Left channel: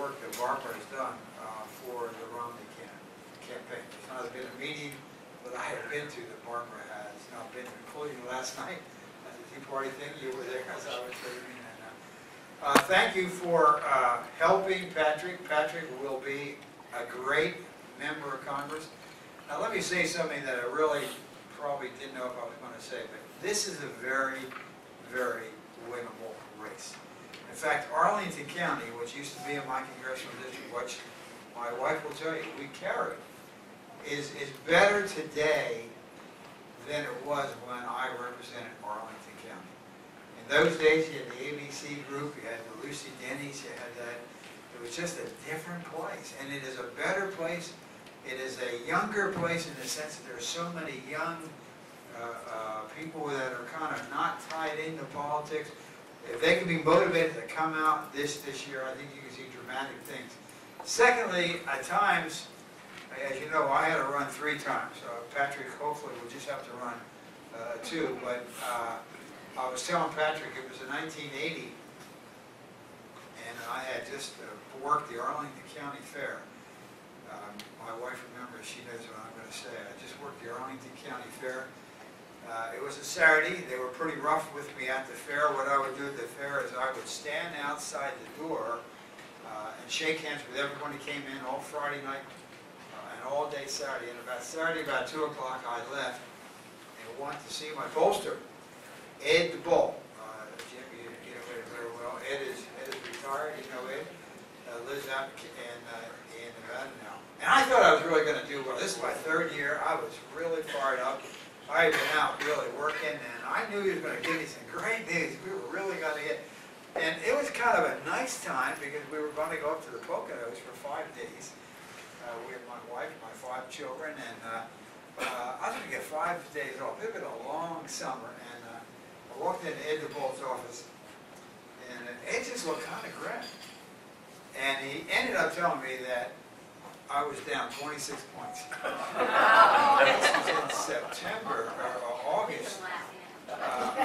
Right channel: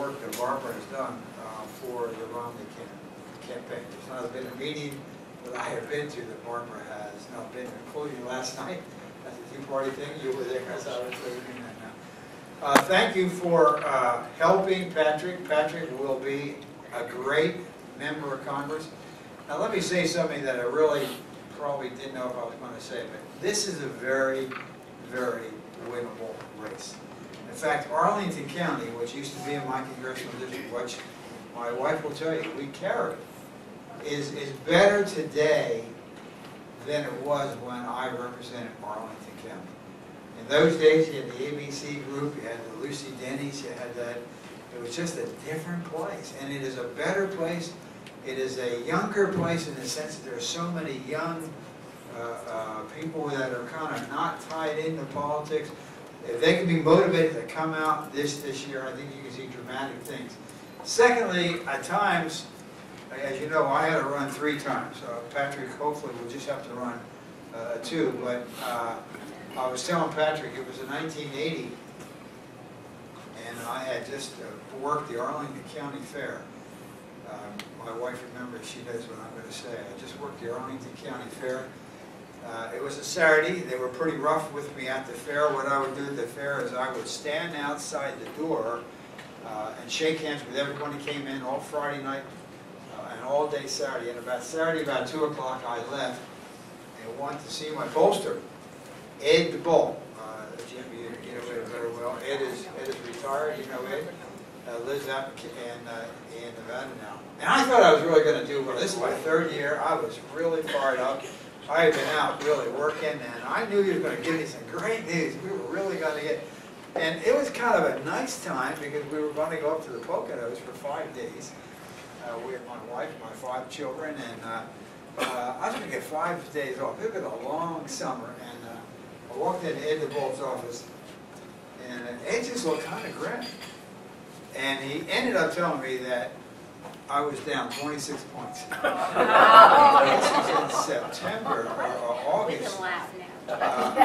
work that Barbara has done for the Romney campaign. There's not been a meeting that I have been to that Barbara has not been to, including last night at the Tea Party thing. You were there as I was leaving. And thank you for helping Patrick. Patrick will be a great member of Congress. Now let me say something that I really probably didn't know if I was going to say, but this is a very, very winnable race. In fact, Arlington County, which used to be in my congressional district, which my wife will tell you we carry, is better today than it was when I represented Arlington County. In those days, you had the ABC group, you had the Lucy Denny's, you had that. It was just a different place, and it is a better place. It is a younger place in the sense that there are so many young people that are kind of not tied into politics. If they can be motivated to come out this year, I think you can see dramatic things. Secondly, at times, as you know, I had to run 3 times. Patrick hopefully will just have to run 2. But I was telling Patrick it was in 1980, and I had just worked the Arlington County Fair. My wife remembers, she knows what I'm going to say. I just worked the Arlington County Fair. It was a Saturday. They were pretty rough with me at the fair. What I would do at the fair is I would stand outside the door and shake hands with everyone who came in all Friday night and all day Saturday. And about Saturday, about 2 o'clock, I left and went to see my pollster, Ed the Bull. Jim, you know Ed very well. Ed is retired. You know Ed. Lives out in Nevada now. And I thought I was really going to do well. This is my 3rd year. I was really fired up. I had been out really working, and I knew he was going to give me some great news. We were really going to get, and it was kind of a nice time because we were going to go up to the Poconos for 5 days. We had my wife, my 5 children, and I was going to get 5 days off. It had been a long summer, and I walked into Ed the Bull's office, and Ed just looked kind of grim. And he ended up telling me that I was down 26 points. This was in September or August of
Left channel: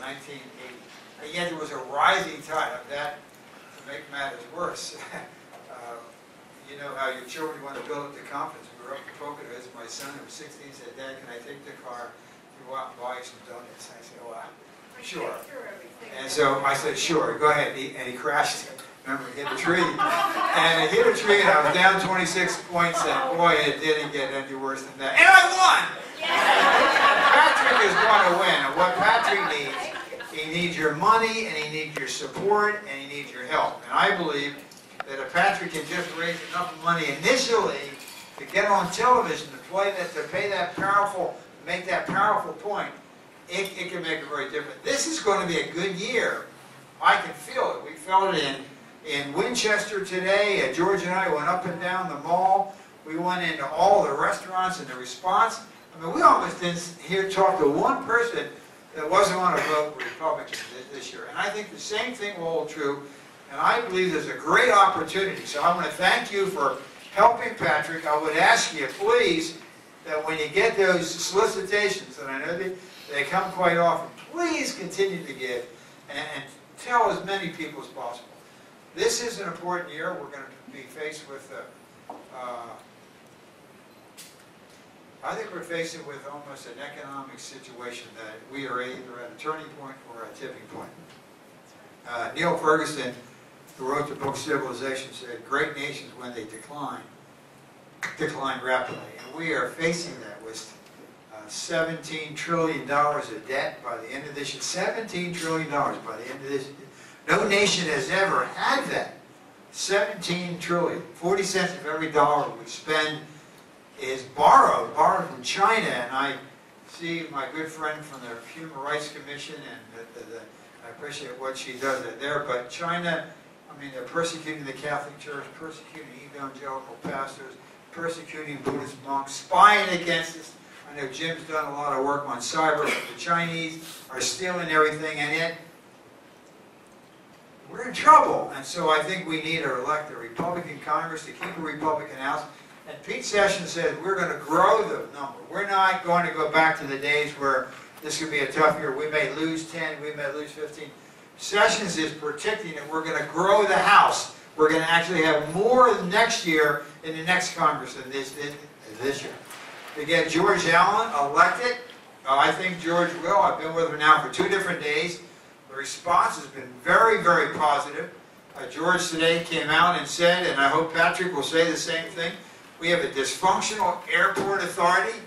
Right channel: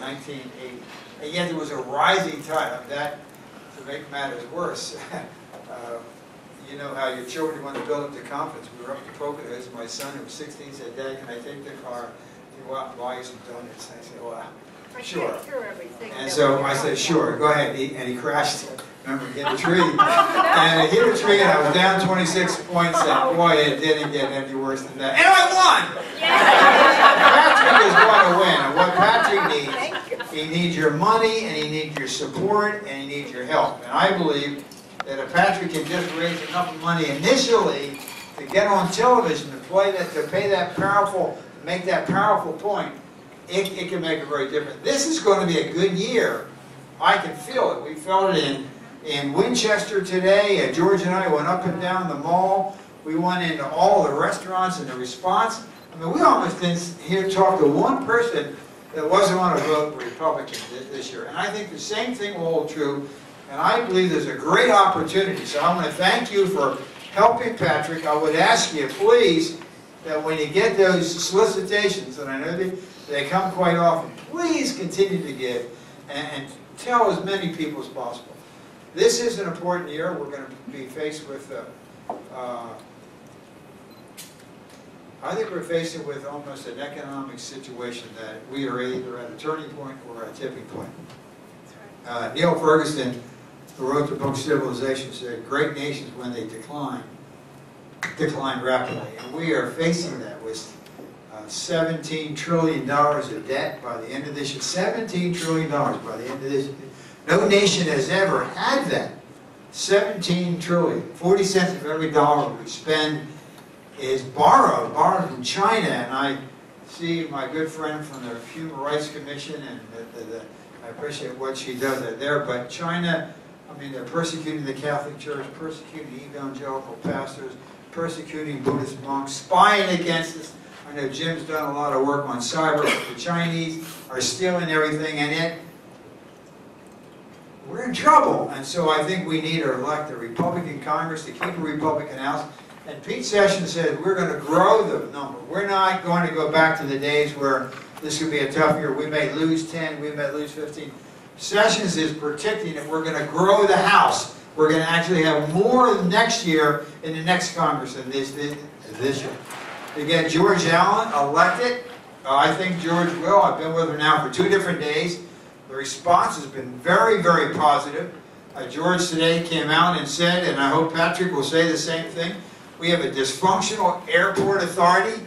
1980. And yet there was a rising tide. That, to make matters worse, you know how your children want to build up the confidence. We were up to Poconos. My son, who was 16, said, "Dad, can I take the car to go out and buy you some donuts?" I said, "Well, sure." And so I said, "Sure, go ahead." And he crashed. Remember, he hit a tree. And he hit a tree, and I was down 26 points. And boy, it didn't get any worse than that. And I won! Patrick is going to win. And what Patrick needs, he needs your money, and he needs your support, and he needs your help. And I believe that if Patrick can just raise enough money initially to get on television, to pay that powerful, make that powerful point, it can make a very difference. This is going to be a good year. I can feel it. We felt it in Winchester today. George and I went up and down the mall. We went into all the restaurants, and the response, I mean, we almost didn't hear talk to one person that wasn't going to vote Republican this year. And I think the same thing will hold true. And I believe there's a great opportunity. So I want to thank you for helping Patrick. I would ask you, please, that when you get those solicitations, and I know they come quite often, please continue to give and tell as many people as possible. This is an important year. We're going to be faced with, I think we're faced with almost an economic situation that we are either at a turning point or a tipping point. Neil Ferguson, who wrote the book Civilization, said, "Great nations, when they decline rapidly." And we are facing that with $17 trillion of debt by the end of this year. $17 trillion by the end of this year. No nation has ever had that. 17 trillion. 40 cents of every dollar we spend is borrowed from China. And I see my good friend from the Human Rights Commission, and I appreciate what she does there. But China, I mean, they're persecuting the Catholic Church, persecuting evangelical pastors, persecuting Buddhist monks, spying against us. I know Jim's done a lot of work on cyber, but the Chinese are stealing everything, and yet we're in trouble. And so I think we need to elect a Republican Congress to keep a Republican House. And Pete Sessions said we're going to grow the number. We're not going to go back to the days where this could be a tough year. We may lose 10, we may lose 15. Sessions is predicting that we're going to grow the House. We're going to actually have more next year in the next Congress than this year. To get George Allen elected, I think George will. I've been with him now for 2 different days. The response has been very, very positive. George today came out and said, and I hope Patrick will say the same thing, we have a dysfunctional airport authority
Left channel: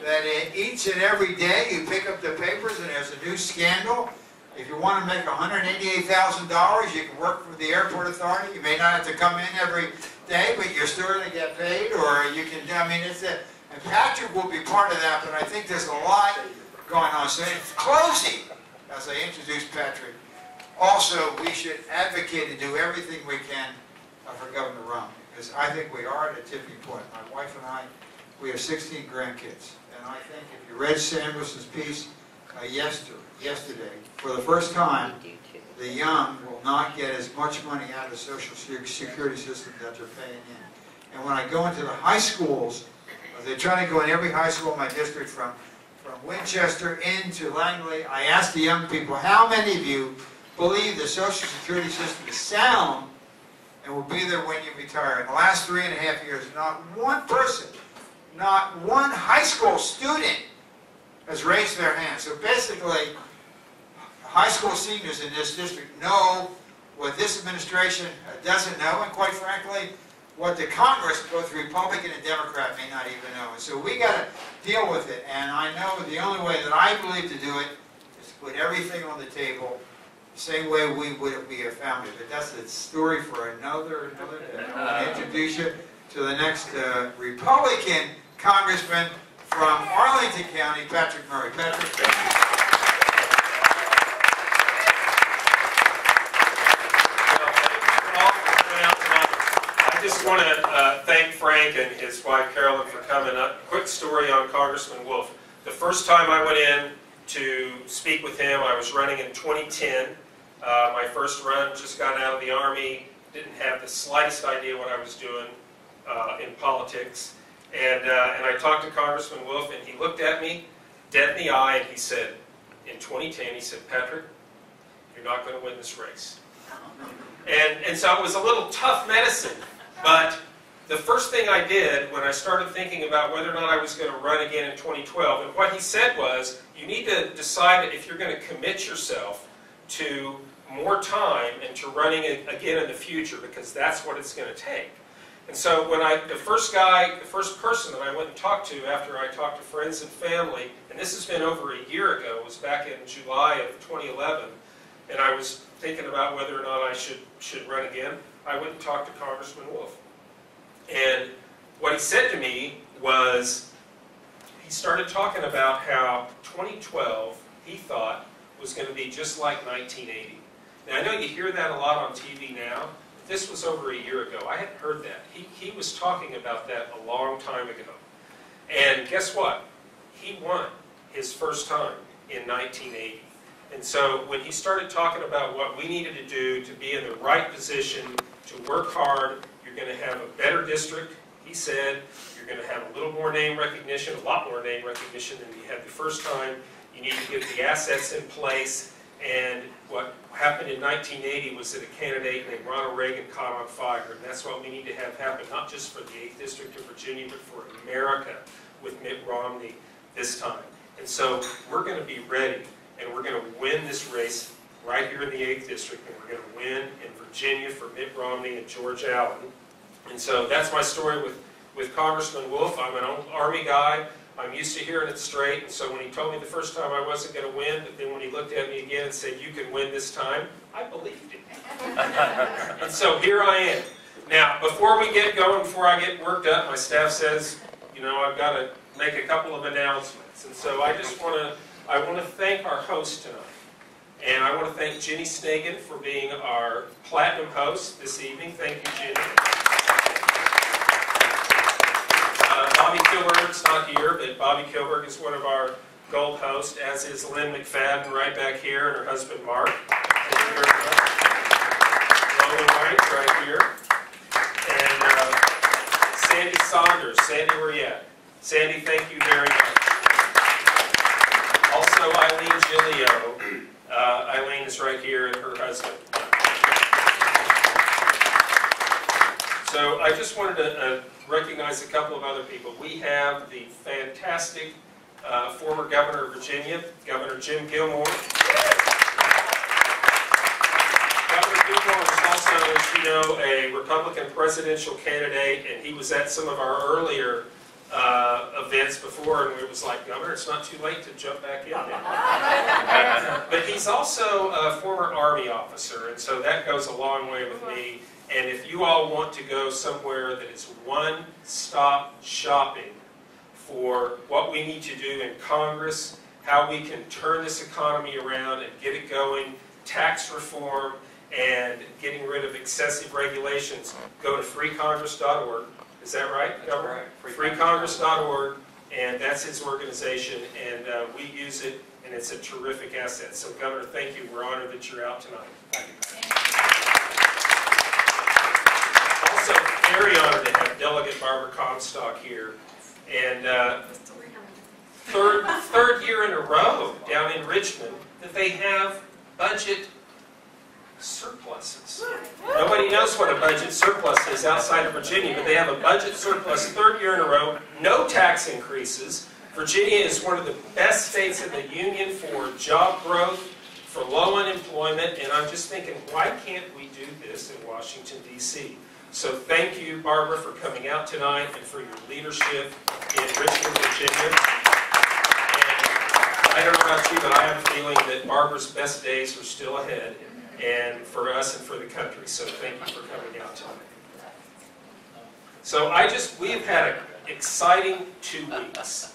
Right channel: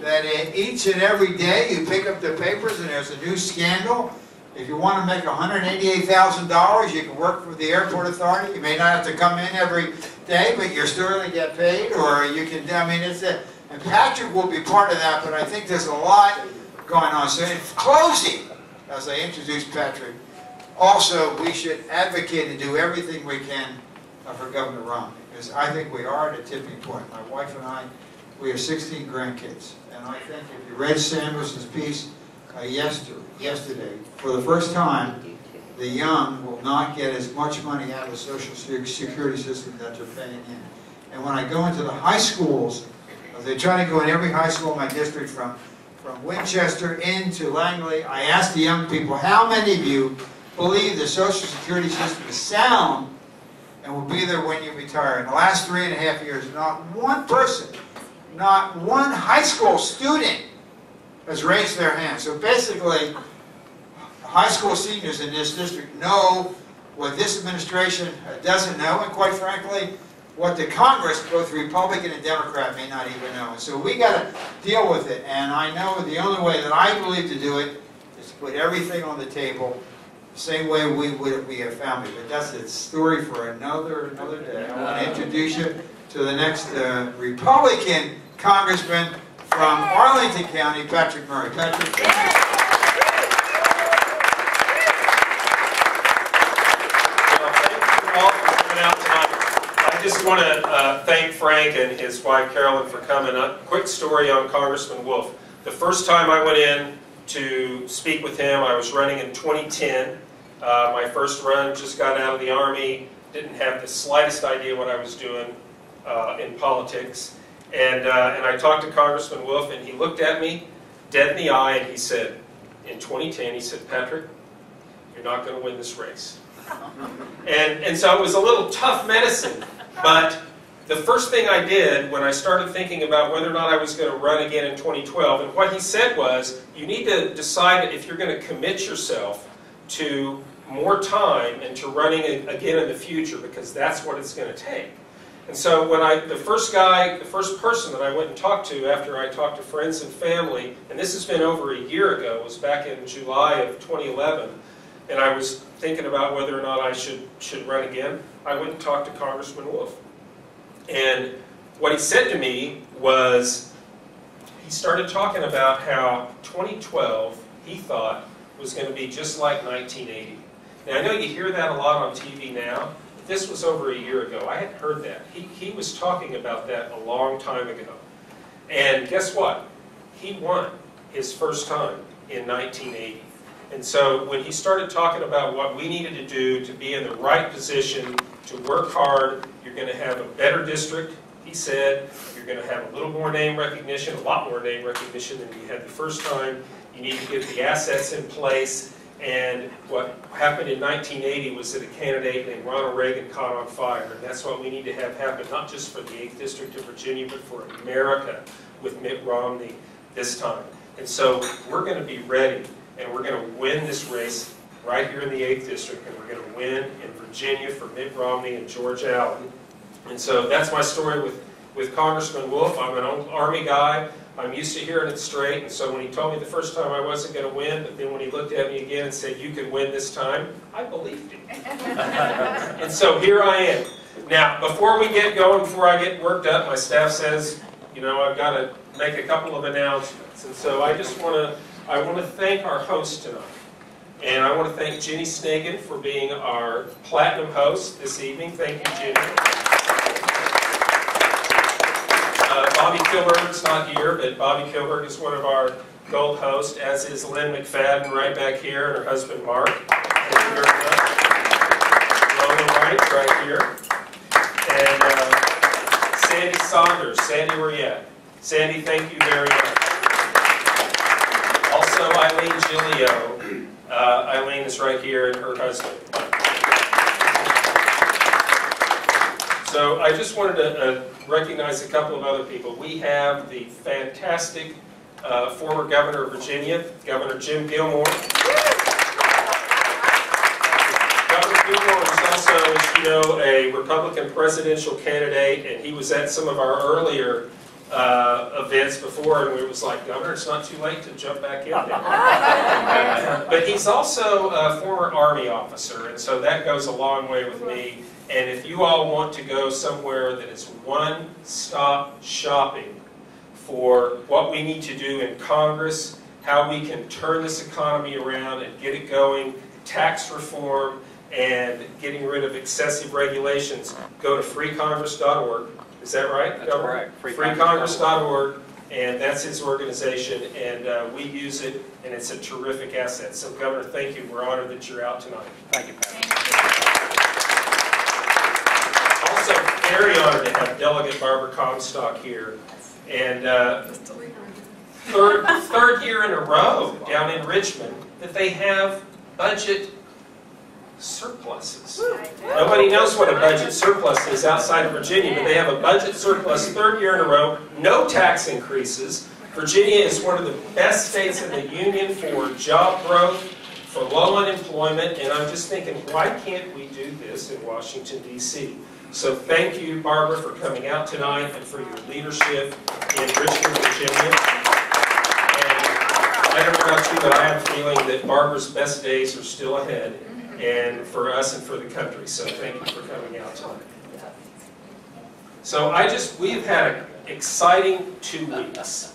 that each and every day you pick up the papers and there's a new scandal. If you want to make $188,000, you can work for the airport authority. You may not have to come in every day, but you're still going to get paid, or you can, I mean, and Patrick will be part of that, but I think there's a lot going on. So in closing, as I introduce Patrick, also we should advocate and do everything we can for Governor Romney, because I think we are at a tipping point. My wife and I, we have 16 grandkids, and I think if you read Samuelson's piece yesterday, for the first time, the young will not get as much money out of the Social Security system that they're paying in. And when I go into the high schools, they're trying to go in every high school in my district from Winchester into Langley, I ask the young people, how many of you believe the Social Security system is sound and will be there when you retire? In the last 3.5 years, not one person, not one high school student has raised their hand. So basically, high school seniors in this district know what this administration doesn't know, and quite frankly, what the Congress, both Republican and Democrat, may not even know. And so we got to deal with it. And I know the only way that I believe to do it is to put everything on the table, the same way we would if we had a family. But that's a story for another day. I want to introduce you to the next Republican Congressman from Arlington County, Patrick Murray. Patrick, thank you. Well, thank you all for coming out tonight. I just want to thank Frank and his wife Carolyn for coming up. Quick story on Congressman Wolf. The first time I went in to speak with him, I was running in 2010. My first run, just got out of the Army, didn't have the slightest idea what I was doing in politics. And I talked to Congressman Wolf, and he looked at me dead in the eye, and he said, in 2010, he said, Patrick, you're not going to win this race. And so it was a little tough medicine, but the first thing I did when I started thinking about whether or not I was going to run again in 2012, and what he said was, you need to decide if you're going to commit yourself to more time and to running again in the future, because that's what it's going to take. And so when the first person that I went and talked to after I talked to friends and family, and this has been over a year ago, it was back in July of 2011, and I was thinking about whether or not I should run again, I went and talked to Congressman Wolf. And what he said to me was, he started talking about how 2012, he thought, was going to be just like 1980. Now, I know you hear that a lot on TV now. This was over a year ago. I hadn't heard that. He was talking about that a long time ago. And guess what? He won his first time in 1980. And so when he started talking about what we needed to do to be in the right position, to work hard, you're going to have a better district, he said. You're going to have a little more name recognition, a lot more name recognition than you had the first time. You need to get the assets in place. And what happened in 1980 was that a candidate named Ronald Reagan caught on fire. And that's what we need to have happen, not just for the 8th District of Virginia, but for America with Mitt Romney this time. And so we're going to be ready, and we're going to win this race right here in the 8th District, and we're going to win in Virginia for Mitt Romney and George Allen. And so that's my story with Congressman Wolf. I'm an old Army guy. I'm used to hearing it straight, and so when he told me the first time I wasn't going to win, but then when he looked at me again and said, you can win this time, I believed him. And so here I am. Now, before we get going, before I get worked up, my staff says, you know, I've got to make a couple of announcements. And so I want to thank our host tonight. And I want to thank Jenny Snagan for being our platinum host this evening. Thank you, Jenny. Bobby Kilberg's not here, but Bobby Kilberg is one of our gold hosts, as is Lynn McFadden right back here, and her husband Mark. Thank you very much. Roman Wright right here. And Sandy Saunders. Sandy, where you at? Sandy, thank you very much. Also, also Eileen Gilio. Eileen is right here, and her husband. So I just wanted to recognize a couple of other people. We have the fantastic former governor of Virginia, Governor Jim Gilmore. Governor Gilmore was also, as you know, a Republican presidential candidate, and he was at some of our earlier events before, and we was like, Governor, it's not too late to jump back in there. But he's also a former Army officer, and so that goes a long way with me. And if you all want to go somewhere that is one-stop shopping for what we need to do in Congress, how we can turn this economy around and get it going, tax reform, and getting rid of excessive regulations, go to freecongress.org. Is that right, Governor? That's right. Freecongress.org, and that's his organization, and we use it, and it's a terrific asset. So, Governor, thank you. We're honored that you're out tonight. Thank you, Pat. Also, very honored to have Delegate Barbara Comstock here, and third year in a row down in Richmond that they have budget surpluses. Nobody knows what a budget surplus is outside of Virginia, but they have a budget surplus third year in a row, no tax increases. Virginia is one of the best states in the union for job growth, for low unemployment, and I'm just thinking, why can't we do this in Washington, D.C.? So thank you, Barbara, for coming out tonight and for your leadership in Richmond, Virginia. And I don't know about you, but I have a feeling that Barbara's best days are still ahead, and for us and for the country. So thank you for coming out tonight. So we've had an exciting 2 weeks.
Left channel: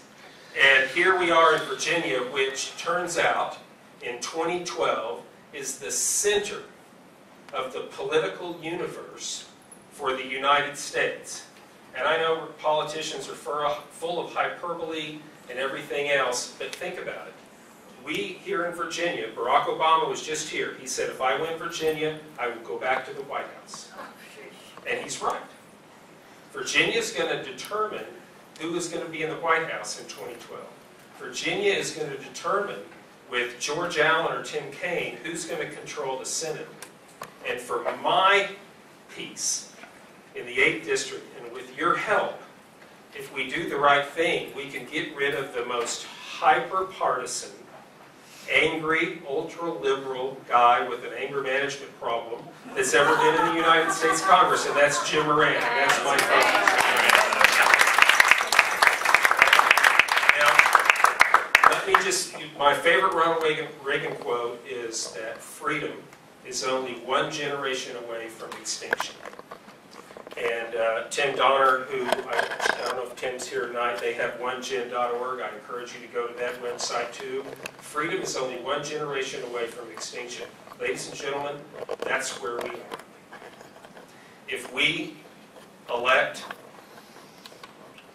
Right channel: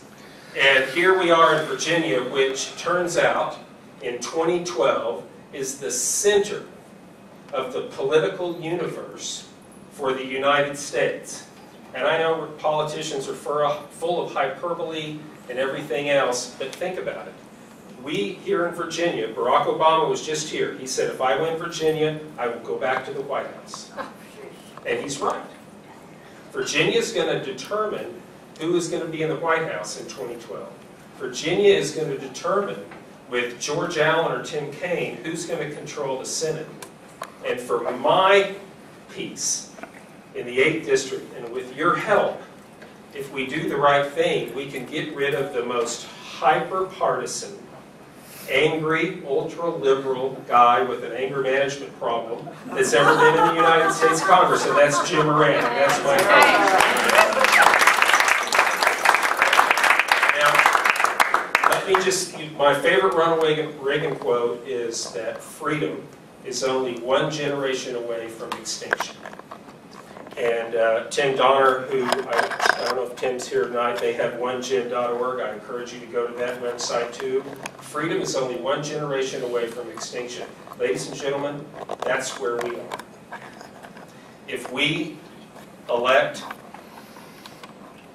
And here we are in Virginia, which turns out in 2012 is the center of the political universe for the United States. And I know politicians are full of hyperbole and everything else, but think about it. We here in Virginia, Barack Obama was just here. He said, if I win Virginia, I will go back to the White House. And he's right. Virginia is going to determine who is going to be in the White House in 2012. Virginia is going to determine, with George Allen or Tim Kaine, who's going to control the Senate. And for my piece in the 8th District, and with your help, if we do the right thing, we can get rid of the most hyper-partisan, angry, ultra-liberal guy with an anger management problem that's ever been in the United States Congress, and that's Jim Moran. That's my focus. Now, let me my favorite Ronald Reagan quote is that freedom is only one generation away from extinction. And Tim Donner, who, I don't know if Tim's here tonight, they have onegen.org. I encourage you to go to that website too. Freedom is only one generation away from extinction. Ladies and gentlemen, that's where we are. If we elect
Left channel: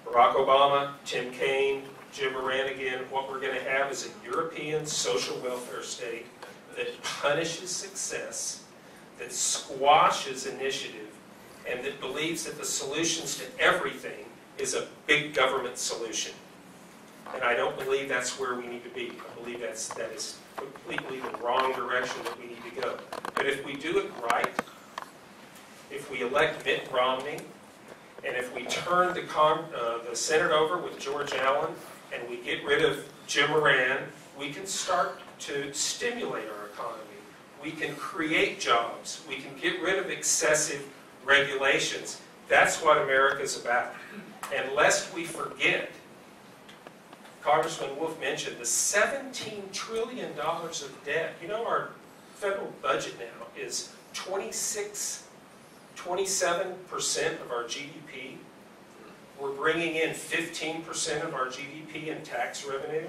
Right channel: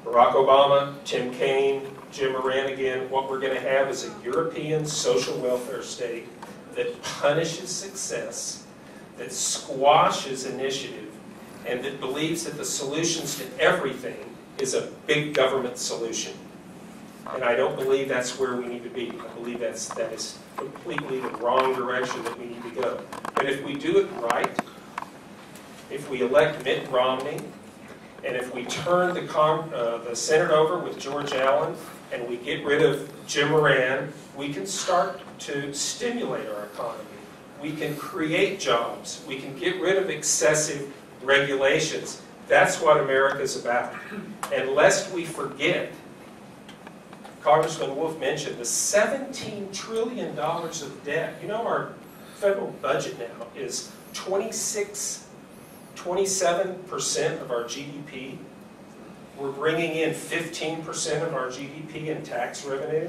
Barack Obama, Tim Kaine, Jim Moran again, what we're going to have is a European social welfare state that punishes success, that squashes initiative, and that believes that the solutions to everything is a big government solution. And I don't believe that's where we need to be. I believe that is completely the wrong direction that we need to go. But if we do it right, if we elect Mitt Romney, and if we turn the Senate over with George Allen, and we get rid of Jim Moran, we can start to stimulate our economy. We can create jobs. We can get rid of excessive regulations. That's what America's about. And lest we forget, Congressman Wolf mentioned the $17 trillion of debt. You know, our federal budget now is 27% of our GDP. We're bringing in 15% of our GDP in tax revenue.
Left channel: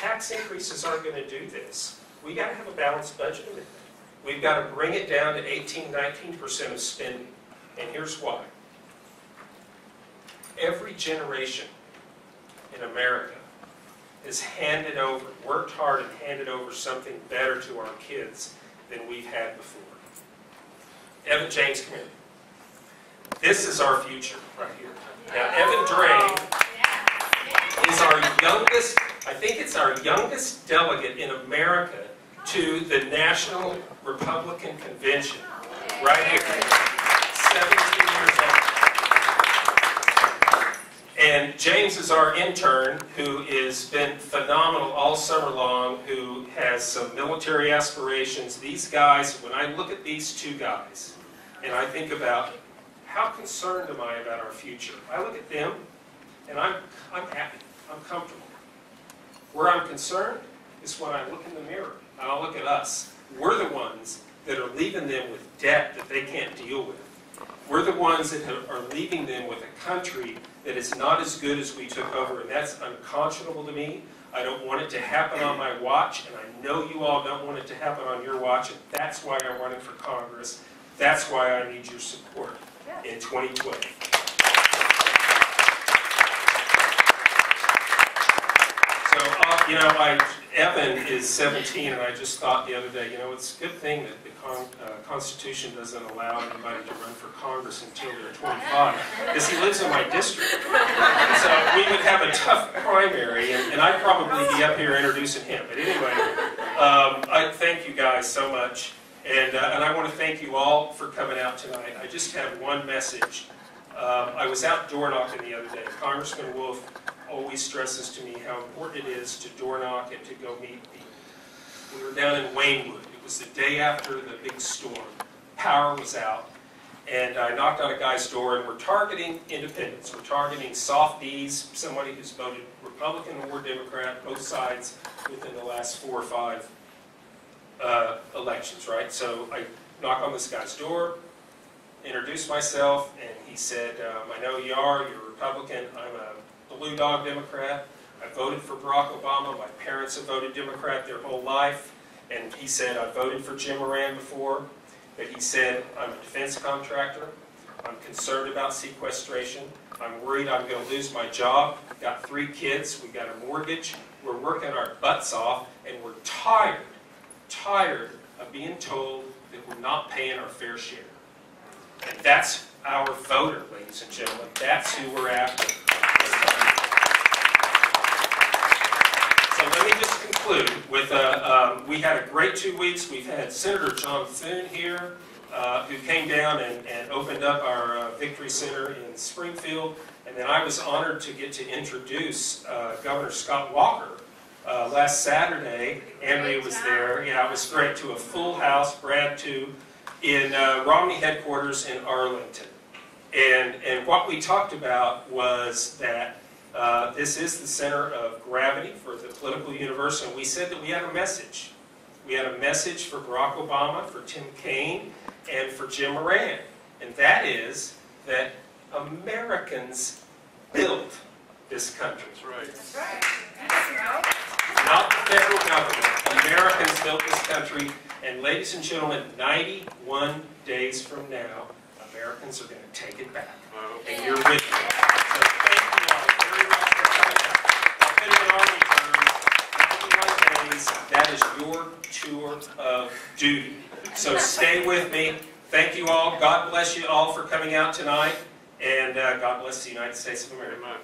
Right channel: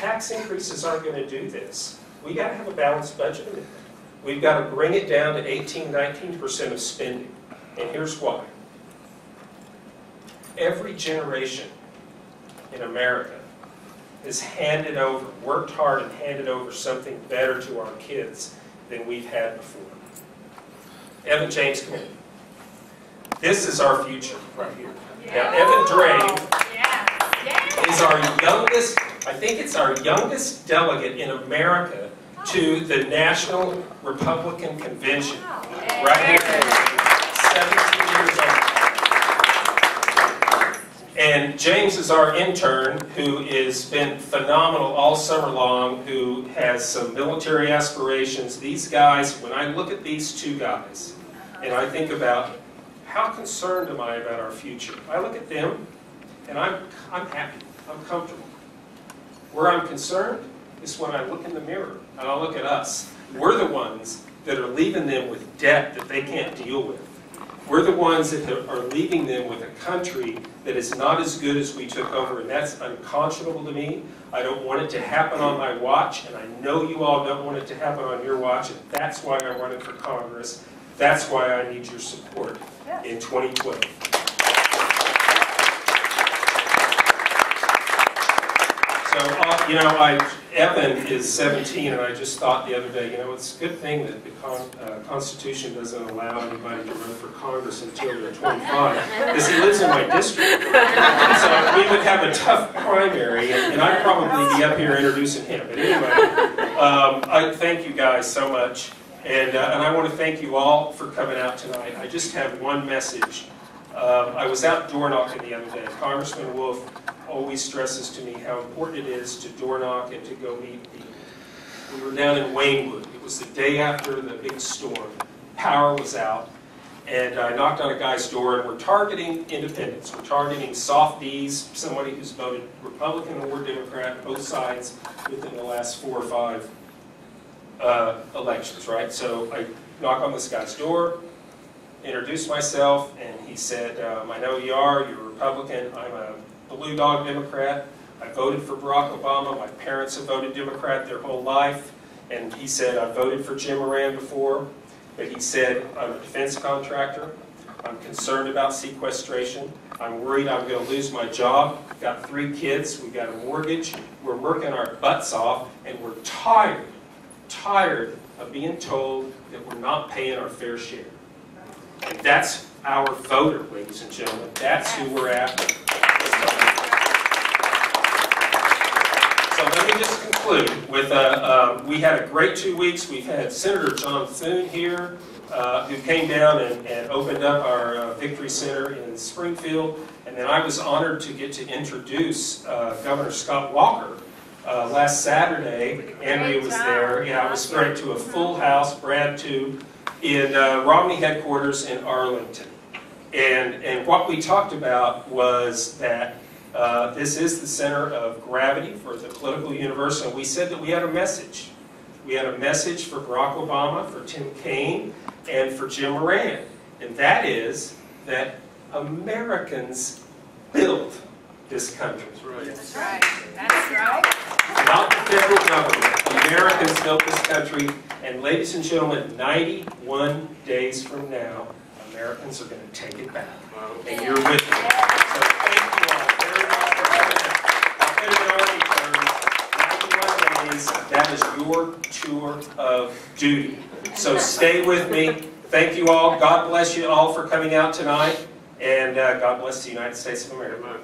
Tax increases aren't going to do this. We got to have a balanced budget amendment. We've got to bring it down to 19% of spending. And here's why. Every generation in America has worked hard and handed over something better to our kids than we've had before. Evan James, come here. This is our future right here. Now, Evan Drain is our youngest I think it's our youngest delegate in America to the National Republican Convention. Right here, 17 years old. And James is our intern, who has been phenomenal all summer long, who has some military aspirations. These guys, when I look at these two guys, and I think about how concerned am I about our future, I look at them, and I'm happy, I'm comfortable. Where I'm concerned is when I look in the mirror, and I look at us. We're the ones that are leaving them with debt that they can't deal with. We're the ones that are leaving them with a country that is not as good as we took over, and that's unconscionable to me. I don't want it to happen on my watch, and I know you all don't want it to happen on your watch, and that's why I running for Congress. That's why I need your support in 2012. So, Evan is 17, and I just thought the other day, it's a good thing that the Constitution doesn't allow anybody to run for Congress until they're 25, because he lives in my district. So we would have a tough primary, and I'd probably be up here introducing him. But anyway, I thank you guys so much, and I want to thank you all for coming out tonight. I just have one message. I was out door knocking the other day. Congressman Wolf always stresses to me how important it is to door knock and to go meet people. We were down in Waynewood. It was the day after the big storm. Power was out, and I knocked on a guy's door, and we're targeting independents. We're targeting softies, somebody who's voted Republican or Democrat, both sides, within the last 4 or 5 elections, right? So I knock on this guy's door, introduced myself, and he said, I know you're a Republican. I'm a Blue Dog Democrat. I voted for Barack Obama. My parents have voted Democrat their whole life. And he said, I voted for Jim Moran before. But he said, I'm a defense contractor. I'm concerned about sequestration. I'm worried I'm going to lose my job. Got 3 kids. We got a mortgage. We're working our butts off. And we're tired of being told that we're not paying our fair share. And that's our voter, ladies and gentlemen. That's who we're after. So let me just conclude with, we had a great 2 weeks. We've had Senator John Thune here, who came down and opened up our Victory Center in Springfield. And then I was honored to get to introduce Governor Scott Walker last Saturday. Andrea was there. Yeah, it was great, to a full house, Brad too, in Romney headquarters in Arlington. And what we talked about was that this is the center of gravity for the political universe, and we said that we had a message. We had a message for Barack Obama, for Tim Kaine, and for Jim Moran. And that is that Americans built this country. That's right. That's right. Not the federal government. Americans built this country. And ladies and gentlemen, 91 days from now, Americans are going to take it back. And you're with me. So thank you all very much for coming out. I'll put it in Army terms, 91 days, that is your tour of duty. So stay with me. Thank you all. God bless you all for coming out tonight. And God bless the United States of America.